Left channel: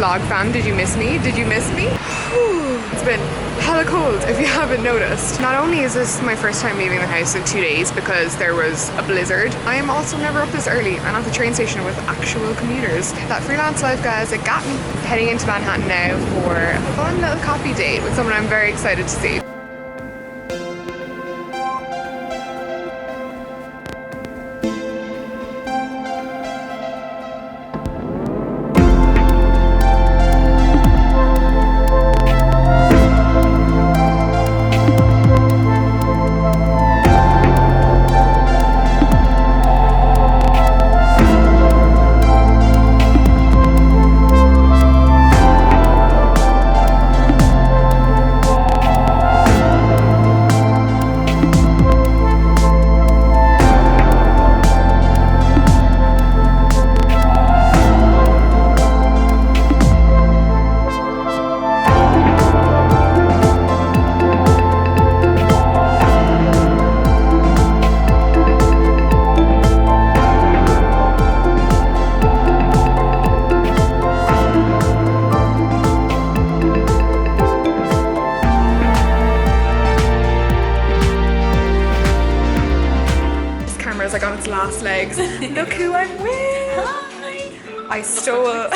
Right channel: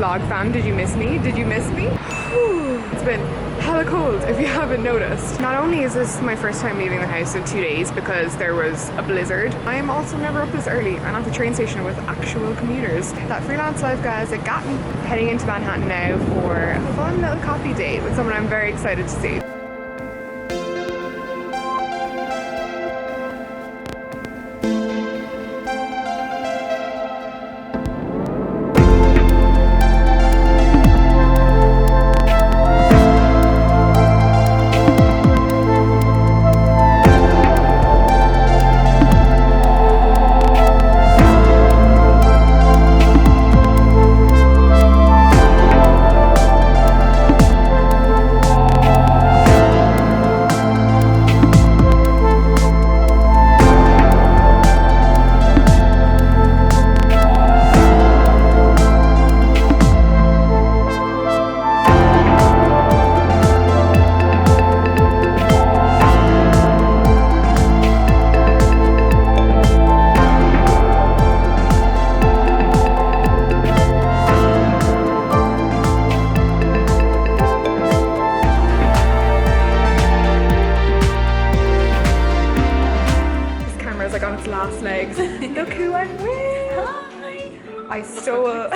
vlog fam, did you miss me? Did you miss me? It's been hella cold if you haven't noticed. Not only is this my first time leaving the house in 2 days because there was a blizzard, I am also never up this early and at the train station with actual commuters. That freelance life, guys, it got me. Heading into Manhattan now for a fun little coffee date with someone I'm very excited to see. Last legs. Look who I'm with. Hi. I stole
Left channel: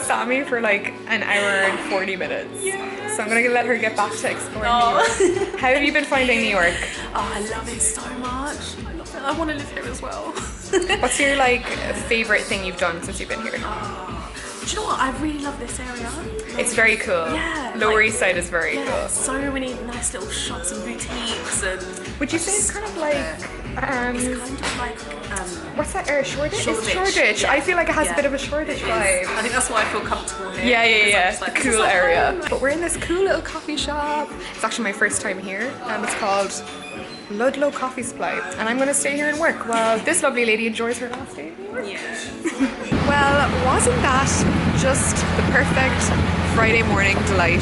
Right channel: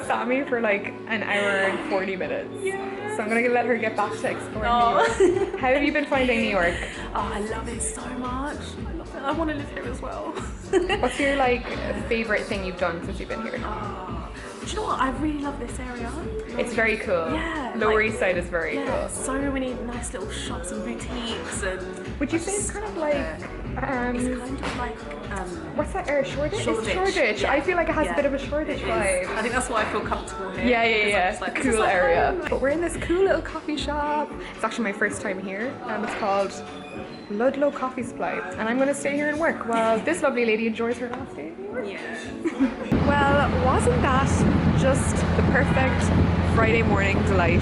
Sammy for like an hour and 40 minutes. Yes. So I'm gonna let her get back to exploring New York. How have you been finding New York? Oh, I love it so much. I love it. I want to live here as well. What's your like favorite thing you've done since you've been here? Do you know what? I really love this area. It's very cool. Yeah. Lower East Side is very cool. So many nice little shops and boutiques and. Would you say it's kind of like? It's kind of like. What's that area? Shoreditch? Shoreditch. It's Shoreditch. Yeah. I feel like it has a bit of a Shoreditch vibe. I think that's why I feel comfortable here. Yeah. Like, cool area. But we're in this cool little coffee shop. It's actually my first time here. It's called Ludlow Coffee Supply. And I'm going to stay here and work while this lovely lady enjoys her last day. Yeah. Well, wasn't that just the perfect Friday morning delight?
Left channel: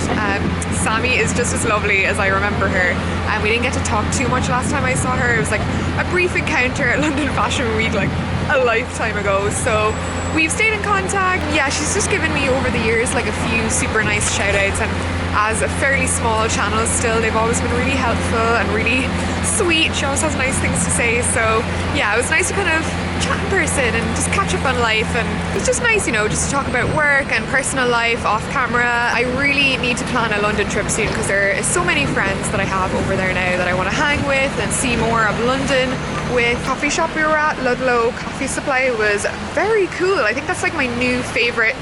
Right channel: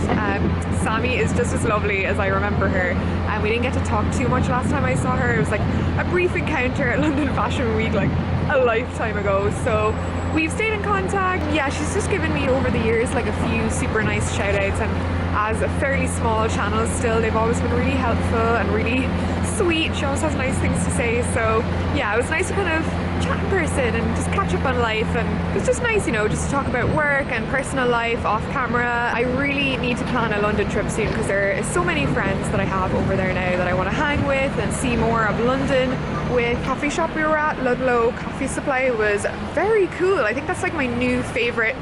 Sammy is just as lovely as I remember her, and we didn't get to talk too much last time I saw her. It was like a brief encounter at London Fashion Week like a lifetime ago, so we've stayed in contact. Yeah, she's just given me over the years like a few super nice shout outs, and as a fairly small channel still, they've always been really helpful and really sweet. She always has nice things to say, so yeah, it was nice to kind of chat in person and just catch up on life, and it's just nice, you know, just to talk about work and personal life off camera. I really need to plan a London trip soon because there are so many friends that I have over there now that I want to hang with and see more of London with. Coffee shop we were at, Ludlow Coffee Supply, was very cool. I think that's like my new favourite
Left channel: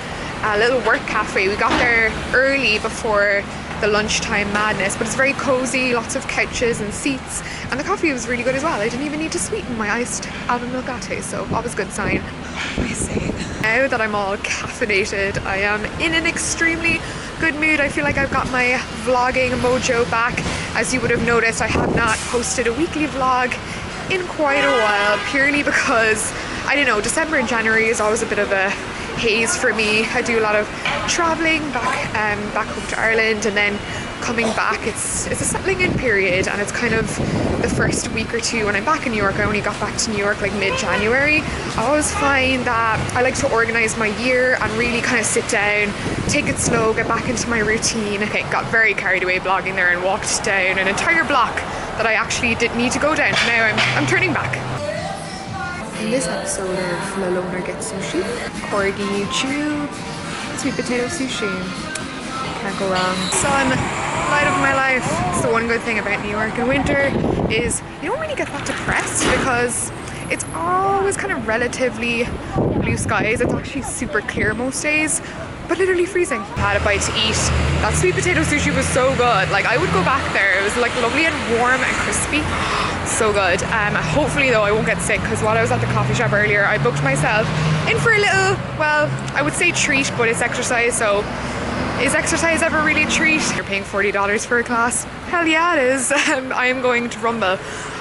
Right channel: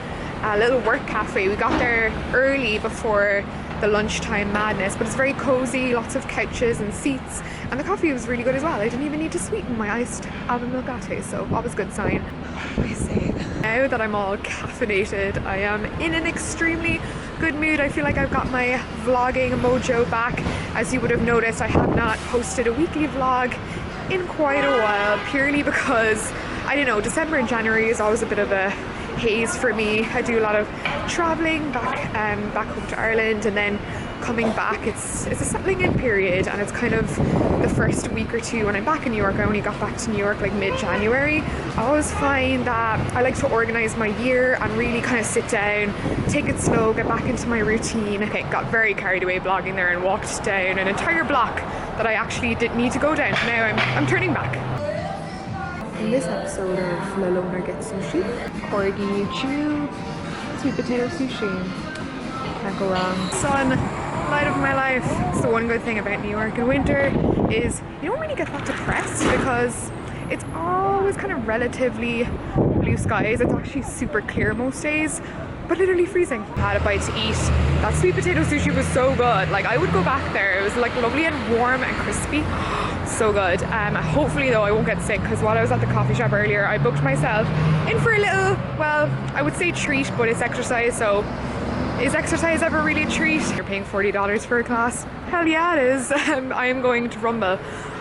little work cafe. We got there early before the lunchtime madness, but it's very cozy, lots of couches and seats, and the coffee was really good as well. I didn't even need to sweeten my iced almond milk latte, so always good sign. What am I saying? Now that I'm all caffeinated, I am in an extremely good mood. I feel like I've got my vlogging mojo back. As you would have noticed, I have not posted a weekly vlog in quite a while, purely because, I don't know, December and January is always a bit of a haze for me. I do a lot of traveling back home to Ireland, and then coming back, it's a settling in period, and it's kind of the first week or two when I'm back in New York. I only got back to New York like mid-January. I always find that I like to organize my year and really kind of sit down, take it slow, get back into my routine. Okay, got very carried away blogging there and walked down an entire block that I actually didn't need to go down. Now I'm turning back. In this episode of Lalona Gets Sushi, corgi chew, sweet potato sushi. Can't go wrong. Sun, light of my life. It's the one good thing about New York in winter is you don't really get that depressed because it's always kind of relatively blue skies. It's actually super clear most days, but literally freezing. I had a bite to eat. That sweet potato sushi was so good. Like, I would go back there. It was like lovely and warm and crispy. So good. Hopefully though I won't get sick, because while I was at the coffee shop earlier, I booked myself in for a little, well, I would say treat, but it's exercise, so is exercise ever really a treat? You're paying $40 for a class? Hell yeah it is. I am going to Rumble.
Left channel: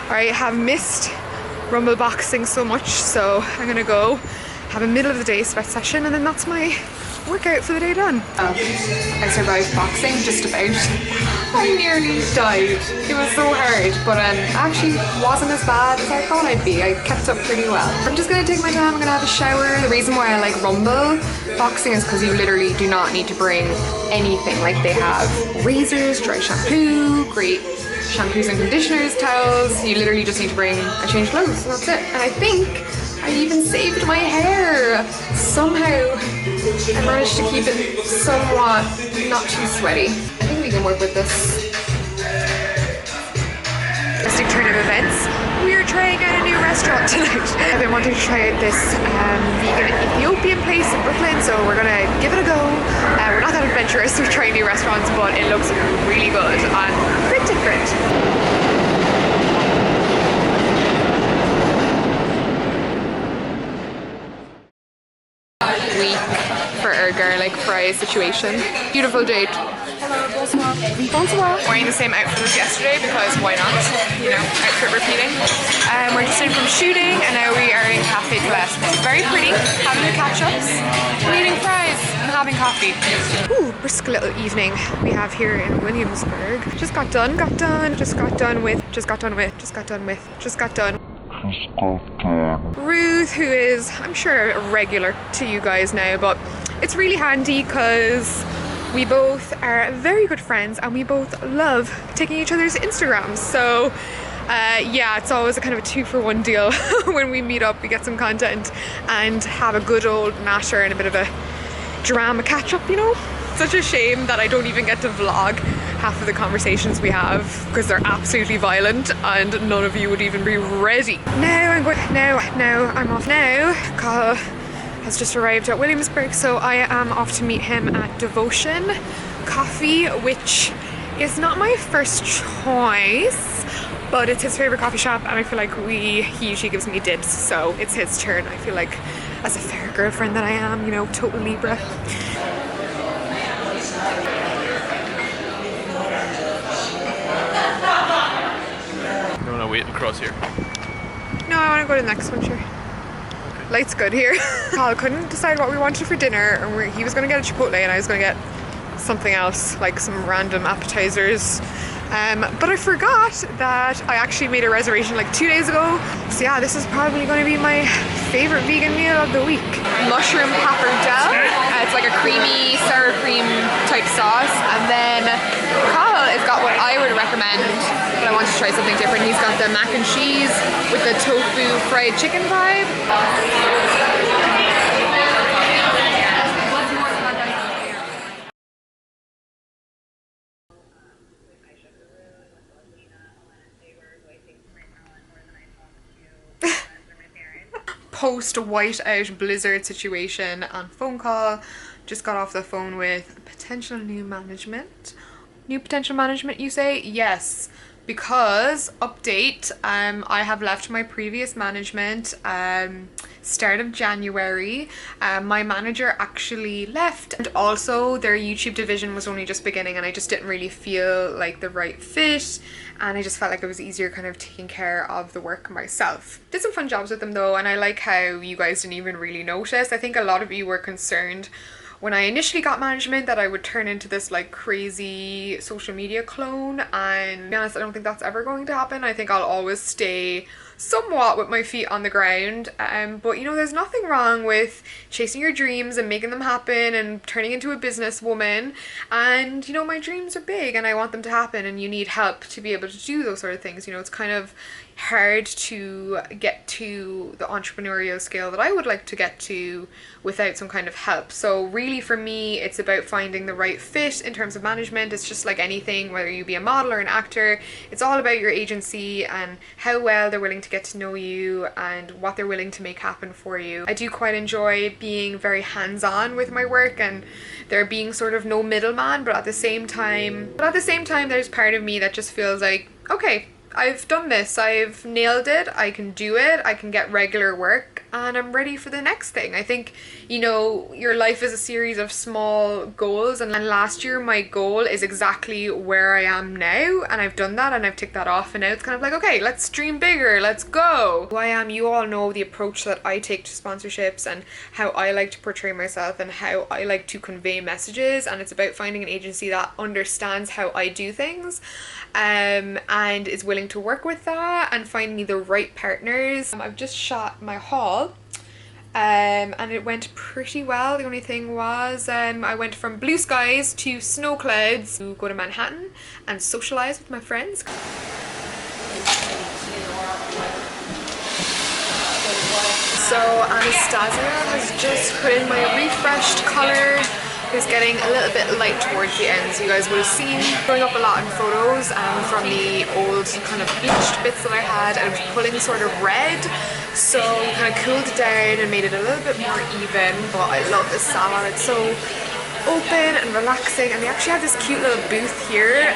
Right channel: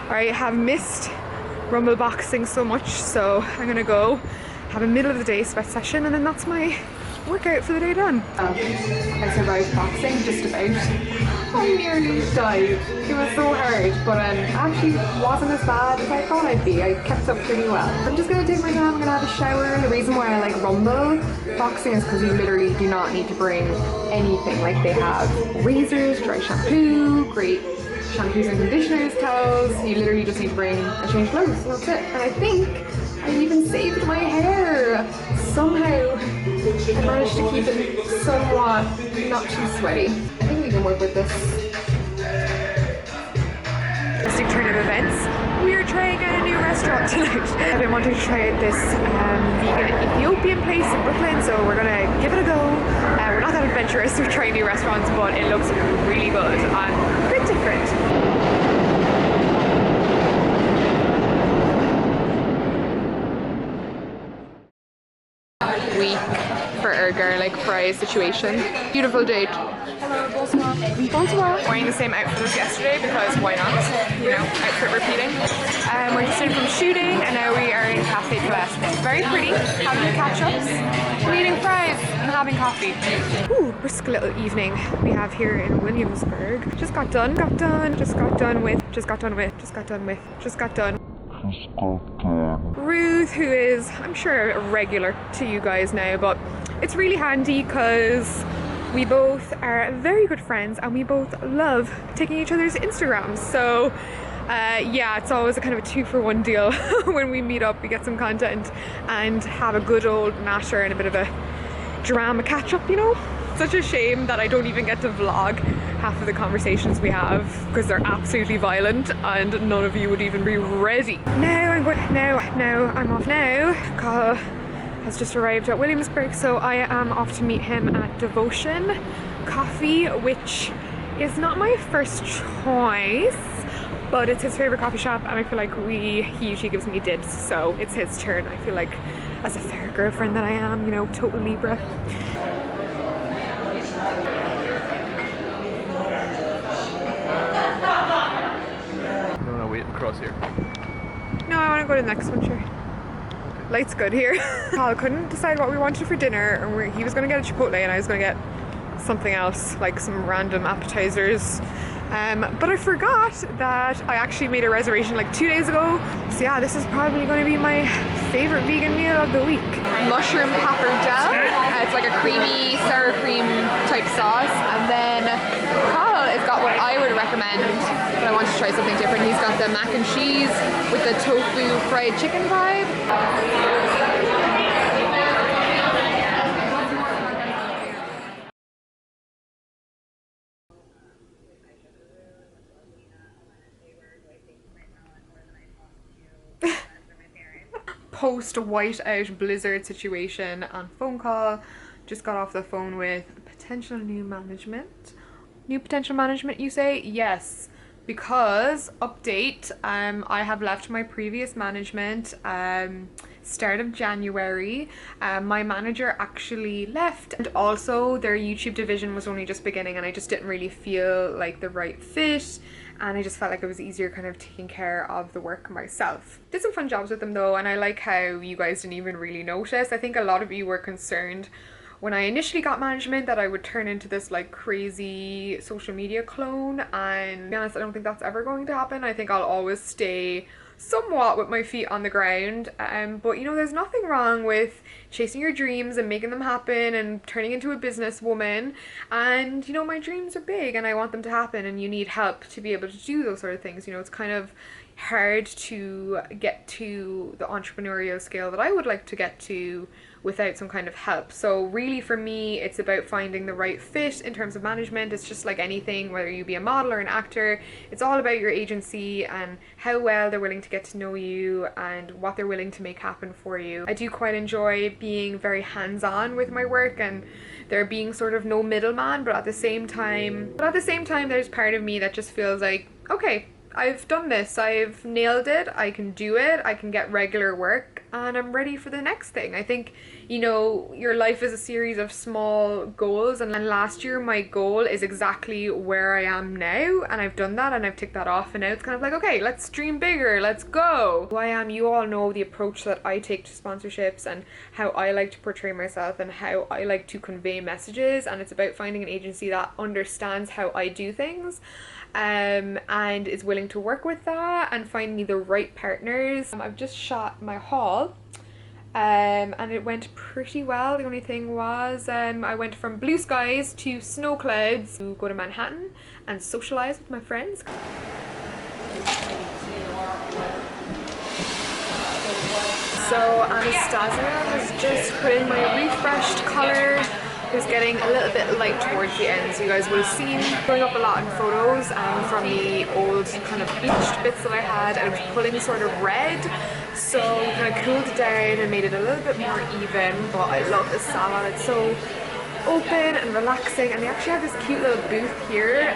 I have missed Rumble boxing so much, so I'm gonna go have a middle of the day sweat session, and then that's my workout for the day done. I survived boxing, just about. I nearly died. It was so hard, but actually wasn't as bad as I thought I'd be. I kept up pretty well. I'm just gonna take my time, I'm gonna have a shower. The reason why I like Rumble boxing is because you literally do not need to bring anything. Like they have razors, dry shampoo, great shampoos and conditioners, towels. You literally just need to bring a change of clothes, and that's it. And I think I even saved my hair. Somehow I managed to keep it somewhat not too sweaty. I think we can work with this. Interesting turn of events. We are trying out a new restaurant tonight. I've been wanting to try out this vegan Ethiopian place in Brooklyn, so we're gonna give it a go. We're not that adventurous with trying new restaurants, but it looks really good and a bit different. Week for our garlic fry situation. Beautiful date. Hello, bonsoir. Bonsoir. Wearing the same outfit as yesterday because why not? You know, outfit repeating. We're just in from shooting and now we are in Cafe Colette. Very pretty, having the catch-ups, eating fries and having coffee. Ooh, brisk little evening we have here in Williamsburg. Just got done Ruth, who is, I'm sure, a regular to you guys now, but it's really handy because we both are very good friends and we both love taking each other's Instagrams. So yeah, it's always a kind of a 2-for-1 deal. When we meet up, we get some content and have a good old natter and a bit of a drama catch up, you know? Such a shame that I don't even get to vlog half of the conversations we have because they're absolutely violent and none of you would even be ready. Now I'm off now. Carl has just arrived at Williamsburg, so I am off to meet him at Devotion Coffee, which is not my first choice, but it's his favorite coffee shop and I feel like he usually gives me dibs, so it's his turn. I feel like, as a fair girlfriend that I am, you know, total Libra. You wanna wait across here? No, I want to go to the next one, sure. Okay. Light's good here. Carl couldn't decide what we wanted for dinner, and he was going to get a Chipotle and I was going to get something else, like some random appetizers. But I forgot that I actually made a reservation like 2 days ago. So yeah, this is probably going to be my favorite vegan meal of the week. Mushroom pappardelle. It's like a creamy sour cream type sauce. And then Carl has got what I would recommend, but I want to try something different. He's got the mac and cheese with the tofu fried chicken vibe. Post whiteout blizzard situation and phone call. Just got off the phone with potential new management. New potential management, you say? Yes, because update, I have left my previous management start of January. My manager actually left, and also their YouTube division was only just beginning and I just didn't really feel like the right fit, and I just felt like it was easier kind of taking care of the work myself. Did some fun jobs with them though, and I like how you guys didn't even really notice. I think a lot of you were concerned when I initially got management that I would turn into this like crazy social media clone, and to be honest, I don't think that's ever going to happen. I think I'll always stay somewhat with my feet on the ground, but you know, there's nothing wrong with chasing your dreams and making them happen and turning into a businesswoman. And you know, my dreams are big and I want them to happen, and you need help to be able to do those sort of things. You know, it's kind of hard to get to the entrepreneurial scale that I would like to get to without some kind of help. So really for me, it's about finding the right fit in terms of management. It's just like anything, whether you be a model or an actor, it's all about your agency and how well they're willing to get to know you and what they're willing to make happen for you. I do quite enjoy being very hands-on with my work and there being sort of no middleman, but at the same time there's part of me that just feels like, okay, I've done this, I've nailed it, I can do it, I can get regular work, and I'm ready for the next thing. I think, you know, your life is a series of small goals, and last year my goal is exactly where I am now, and I've done that and I've ticked that off, and now it's kind of like, okay, let's dream bigger, let's go. Who I am, you all know the approach that I take to sponsorships and how I like to portray myself and how I like to convey messages, and it's about finding an agency that understands how I do things and is willing to work with that, and finding me the right partners. I've just shot my haul and it went pretty well. The only thing was I went from blue skies to snow clouds to go to Manhattan and socialize with my friends. So Anastasia has just put in my refreshed color. It's getting a little bit light towards the end, so you guys would have seen growing up a lot in photos from the old kind of bleached bits that I had. I was pulling sort of red, so we kind of cooled it down and made it a little bit more even. But I love this salon, it's so open and relaxing, and they actually have this cute little booth here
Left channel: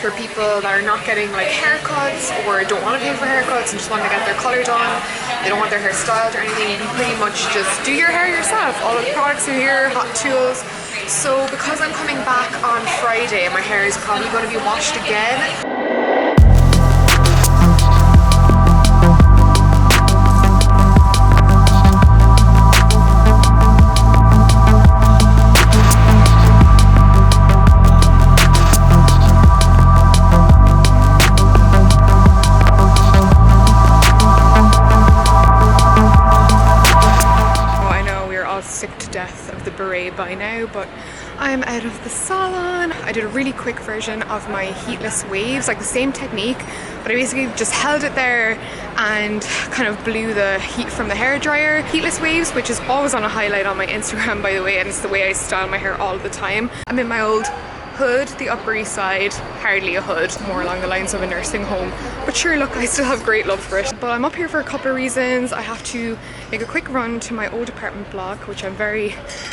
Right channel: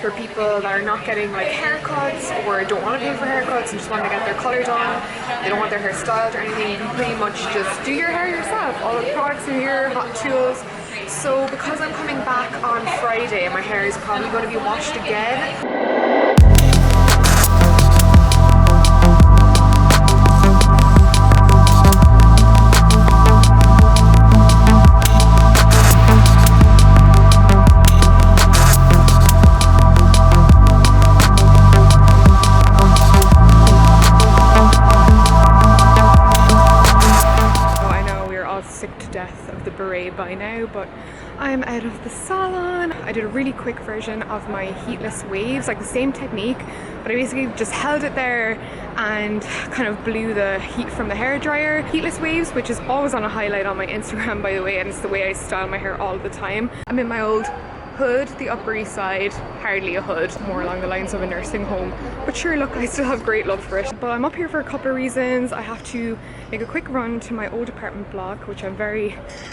for people that are not getting like haircuts or don't want to pay for haircuts and just want to get their colour done. They don't want their hair styled or anything. You can pretty much just do your hair yourself. All of the products are here, hot tools. So because I'm coming back on Friday, my hair is probably going to be washed again. By now, but I'm out of the salon. I did a really quick version of my heatless waves, like the same technique, but I basically just held it there and kind of blew the heat from the hairdryer. Heatless waves, which is always on a highlight on my Instagram, by the way, and it's the way I style my hair all the time. I'm in my old hood, the Upper East Side, hardly a hood, more along the lines of a nursing home, but sure, look, I still have great love for it. But I'm up here for a couple of reasons. I have to make a quick run to my old apartment block, which I'm very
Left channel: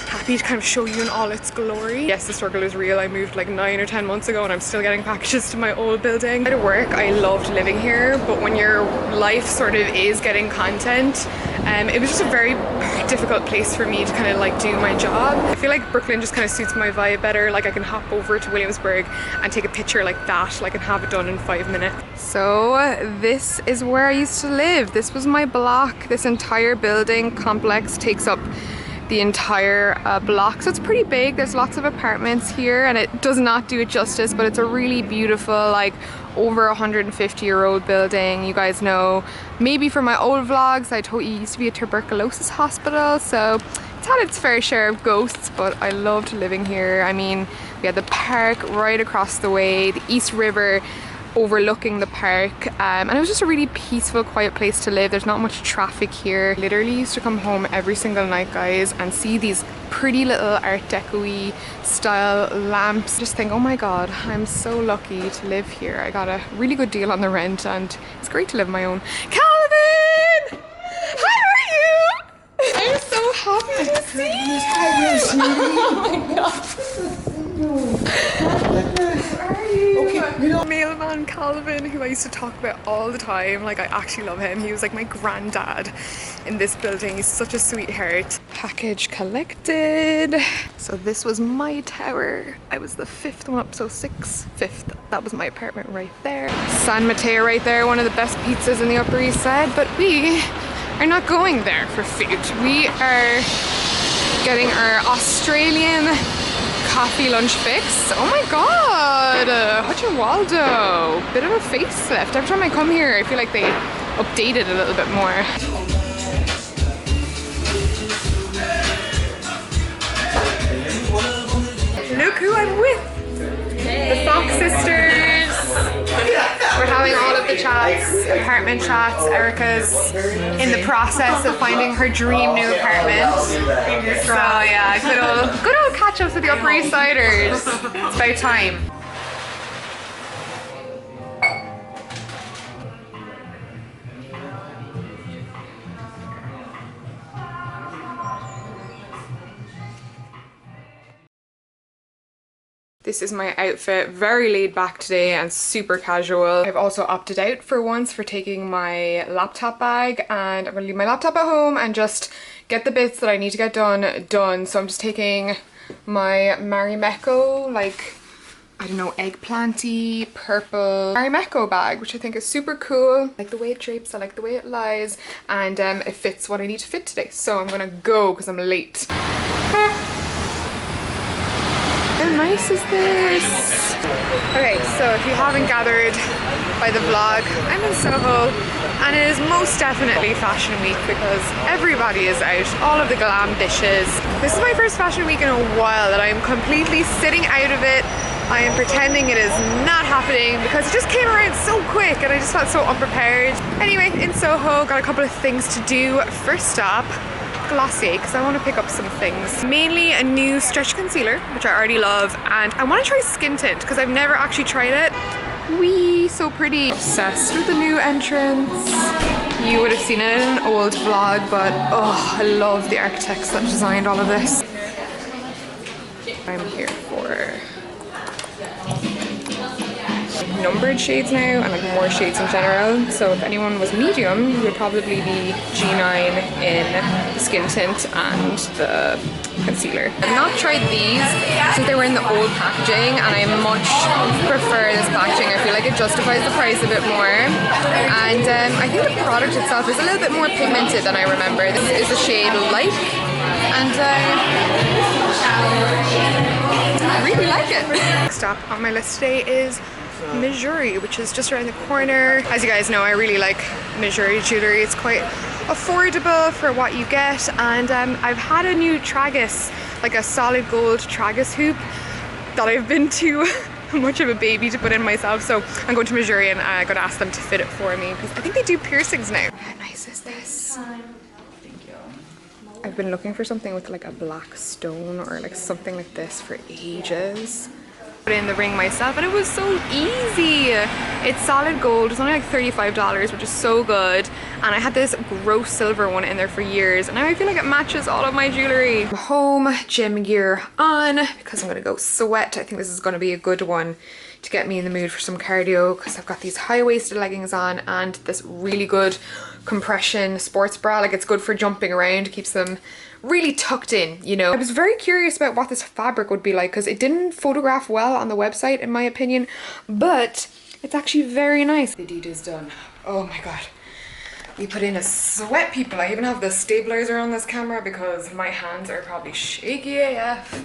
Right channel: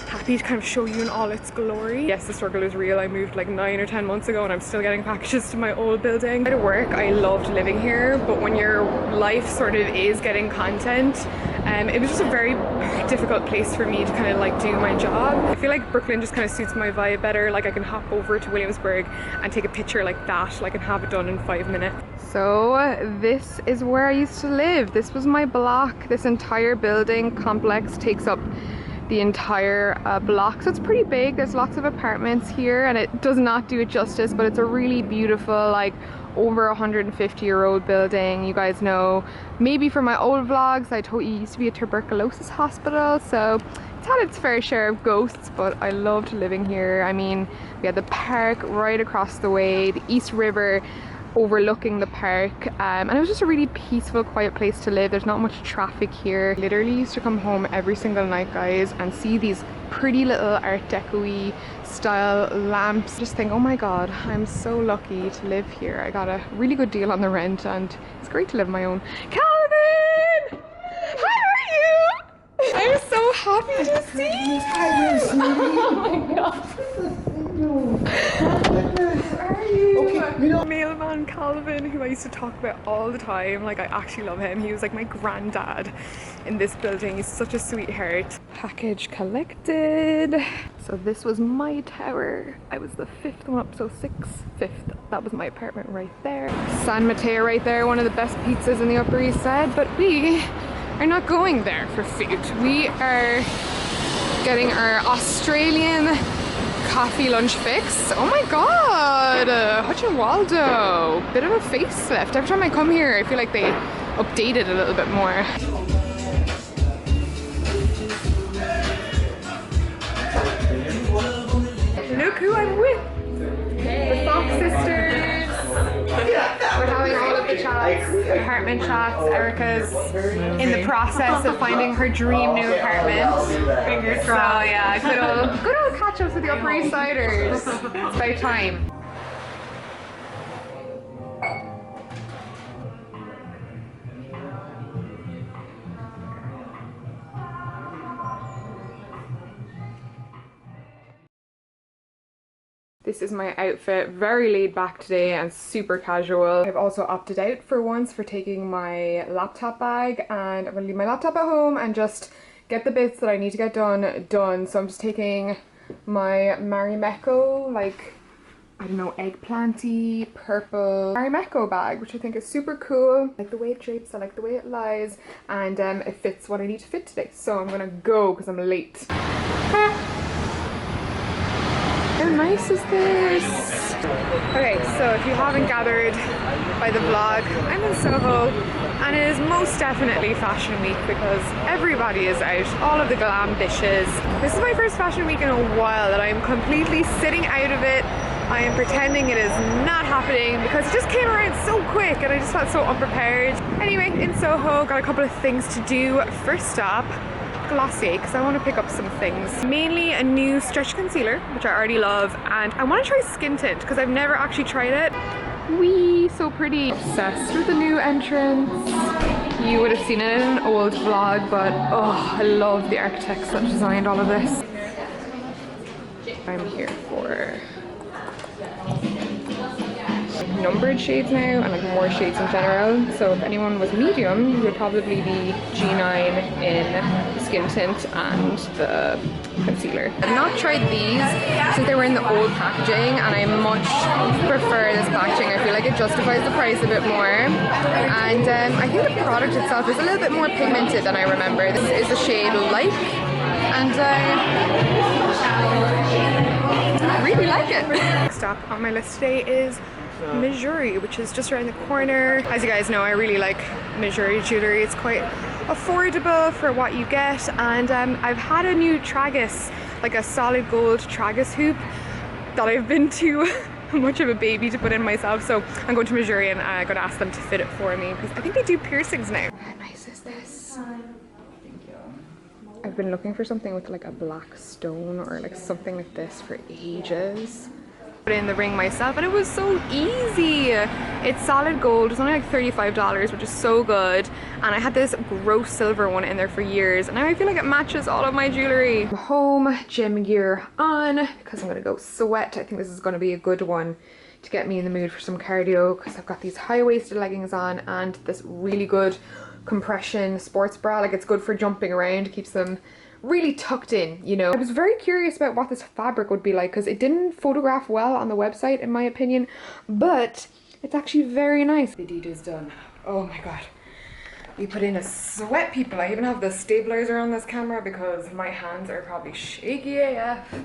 happy to kind of show you in all its glory. Yes, the struggle is real. I moved like 9 or 10 months ago and I'm still getting packages to my old building. At work, I loved living here, but when your life sort of is getting content, it was just a very difficult place for me to kind of like do my job. I feel like Brooklyn just kind of suits my vibe better. Like I can hop over to Williamsburg and take a picture like that, like and have it done in 5 minutes. So this is where I used to live. This was my block. This entire building complex takes up the entire block, so it's pretty big. There's lots of apartments here and it does not do it justice, but it's a really beautiful, like over 150-year-old building. You guys know maybe from my old vlogs I told you it used to be a tuberculosis hospital, so it's had its fair share of ghosts, but I loved living here. I mean, we had the park right across the way, the East River overlooking the park, and it was just a really peaceful, quiet place to live. There's not much traffic here. Literally used to come home every single night, guys, and see these pretty little Art Deco-y style lamps. Just think, oh my god, I'm so lucky to live here. I got a really good deal on the rent and it's great to live on my own. Calvin! How are you? I'm so happy to see you! Oh my god. How are you? Okay, mailman Calvin, who I used to talk about all the time. Like, I actually love him. He was like my granddad in this building. He's such a sweetheart. Package collected. So this was my tower. I was the 5th one up, so 5th. That was my apartment right there. San Mateo right there, one of the best pizzas in the Upper East Side, but we are not going there for food. We are getting our Australian coffee lunch fix. Oh my god, Hutch and Waldo. Bit of a facelift. Every time I come here I feel like they update it a little bit more. Look who I'm with! The Fox sisters! We're having all of the chats, apartment chats. Erica's in the process of finding her dream new apartment. So yeah, good old catch-ups with the Upper East Siders. It's about time. This is my outfit, very laid back today and super casual. I've also opted out for once for taking my laptop bag, and I'm gonna leave my laptop at home and just get the bits that I need to get done. So I'm just taking my Marimekko, like, I don't know, eggplanty purple Marimekko bag, which I think is super cool. I like the way it drapes, I like the way it lies, and it fits what I need to fit today. So I'm gonna go because I'm late. How nice is this? Okay, so if you haven't gathered by the vlog, I'm in Soho, and it is most definitely fashion week because everybody is out, all of the glam bitches. This is my first fashion week in a while that I'm completely sitting out of it. I am pretending it is not happening because it just came around so quick and I just felt so unprepared. Anyway, in Soho, got a couple of things to do. First stop, Glossier, because I want to pick up some things. Mainly a new stretch concealer, which I already love, and I want to try skin tint because I've never actually tried it. Wee, so pretty. Obsessed with the new entrance. You would have seen it in an old vlog, but oh, I love the architects that designed all of this. I'm here for numbered shades now and like more shades in general. So if anyone was medium, you would probably be G9 in the skin tint and the concealer. I've not tried these since they were in the old packaging, and I much prefer this packaging. I feel like it justifies the price a bit more, and I think the product itself is a little bit more pigmented than I remember. This is the shade Light, and I really like it. Next stop on my list today is Missouri, which is just around the corner. As you guys know, I really like Missouri jewellery. It's quite affordable for what you get, and I've had a new tragus, like a solid gold tragus hoop that I've been too much of a baby to put in myself, so I'm going to Missouri and I'm gonna ask them to fit it for me because I think they do piercings now. How nice is this? Thank you. I've been looking for something with like a black stone or like something like this for ages. Put in the ring myself and it was so easy. It's solid gold. It's only like $35, which is so good, and I had this gross silver one in there for years, and now I feel like it matches all of my jewelry. I'm home, gym gear on because I'm gonna go sweat. I think this is gonna be a good one to get me in the mood for some cardio because I've got these high-waisted leggings on and this really good compression sports bra. Like, it's good for jumping around, keeps them really tucked in, you know. I was very curious about what this fabric would be like because it didn't photograph well on the website in my opinion, but it's actually very nice. The deed is done. Oh my god. We put in a sweat, people. I even have the stabilizer on this camera because my hands are probably shaky AF.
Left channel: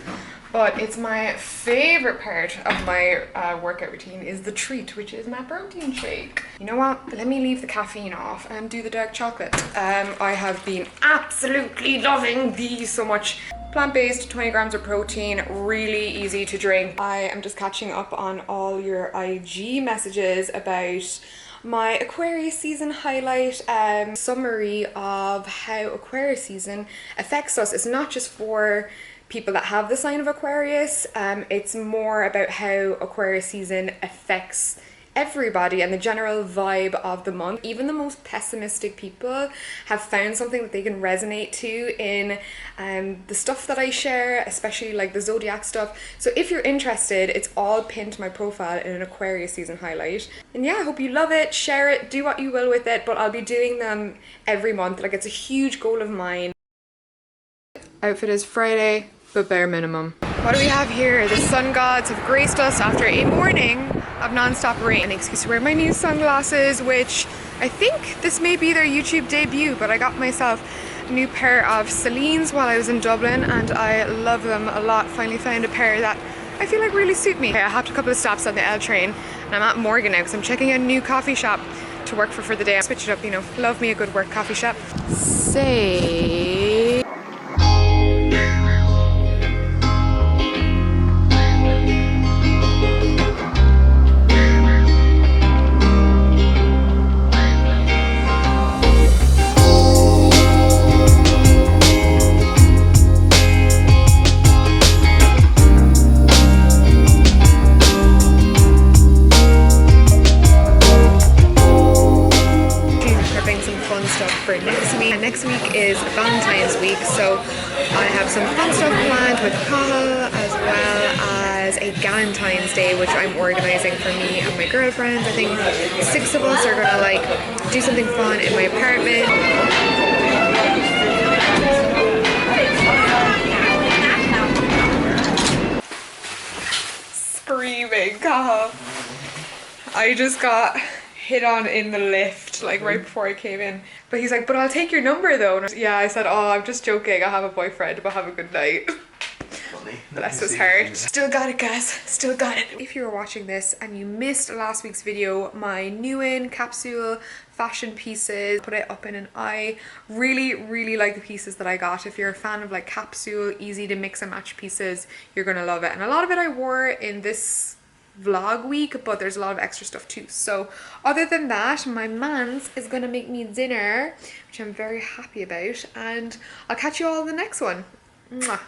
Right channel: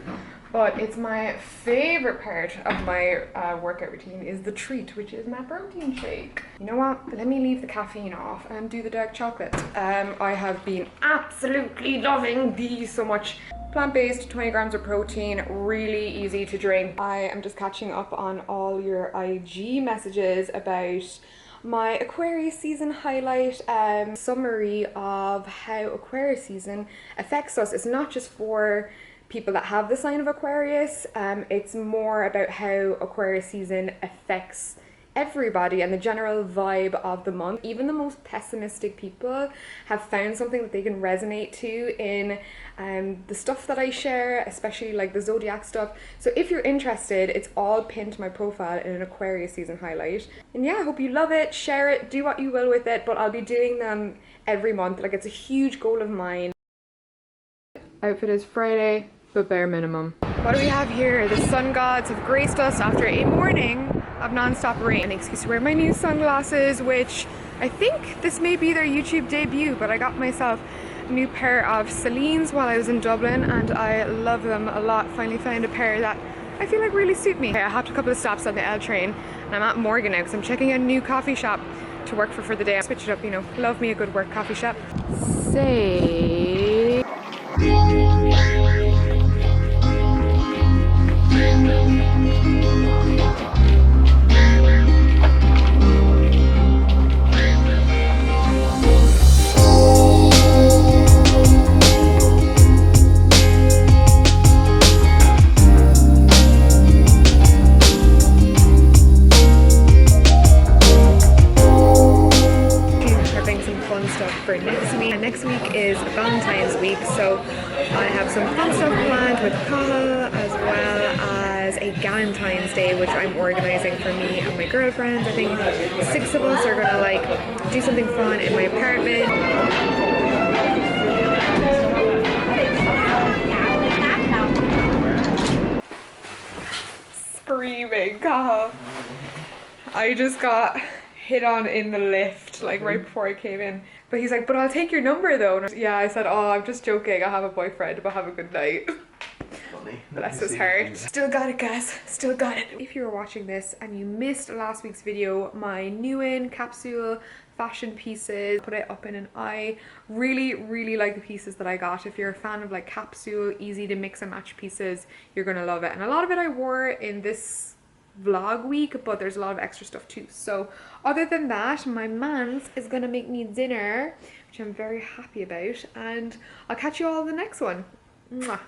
But it's my favorite part of my workout routine is the treat, which is my protein shake. You know what? Let me leave the caffeine off and do the dark chocolate. I have been absolutely loving these so much. Plant-based, 20 grams of protein, really easy to drink. I am just catching up on all your IG messages about my Aquarius season highlight, summary of how Aquarius season affects us. It's not just for people that have the sign of Aquarius, it's more about how Aquarius season affects everybody and the general vibe of the month. Even the most pessimistic people have found something that they can resonate to in the stuff that I share, especially like the zodiac stuff. So if you're interested, it's all pinned to my profile in an Aquarius season highlight. And yeah, I hope you love it, share it, do what you will with it, but I'll be doing them every month. Like, it's a huge goal of mine. Outfit is Friday, but bare minimum. What do we have here? The sun gods have graced us after a morning of non-stop rain. An excuse to wear my new sunglasses, which I think this may be their YouTube debut, but I got myself a new pair of Celine's while I was in Dublin and I love them a lot. Finally found a pair that I feel like really suit me. I hopped a couple of stops on the L train and I'm at Morgan now because I'm checking out a new coffee shop to work for the day. Switch it up, you know, love me a good work coffee shop. Say... for next week. And next week is Valentine's week, so I have some fun stuff planned with Cahill, as well as a Galentine's Day, which I'm organizing for me and my girlfriends. I think 6 of us are gonna like do something fun in my apartment. Screaming, I just got hit on in the lift like right before I came in, but he's like, but I'll take your number though. And yeah, I said, oh, I'm just joking, I have a boyfriend, but have a good night. Bless his heart. Still got it, guys, still got it. If you were watching this and you missed last week's video, my new in capsule fashion pieces, put it up in an eye. Really like the pieces that I got. If you're a fan of like capsule, easy to mix and match pieces, you're gonna love it. And a lot of it I wore in this vlog week, but there's a lot of extra stuff too. So other than that, my mans is gonna make me dinner, which I'm very happy about, and I'll catch you all in the next one. Mwah.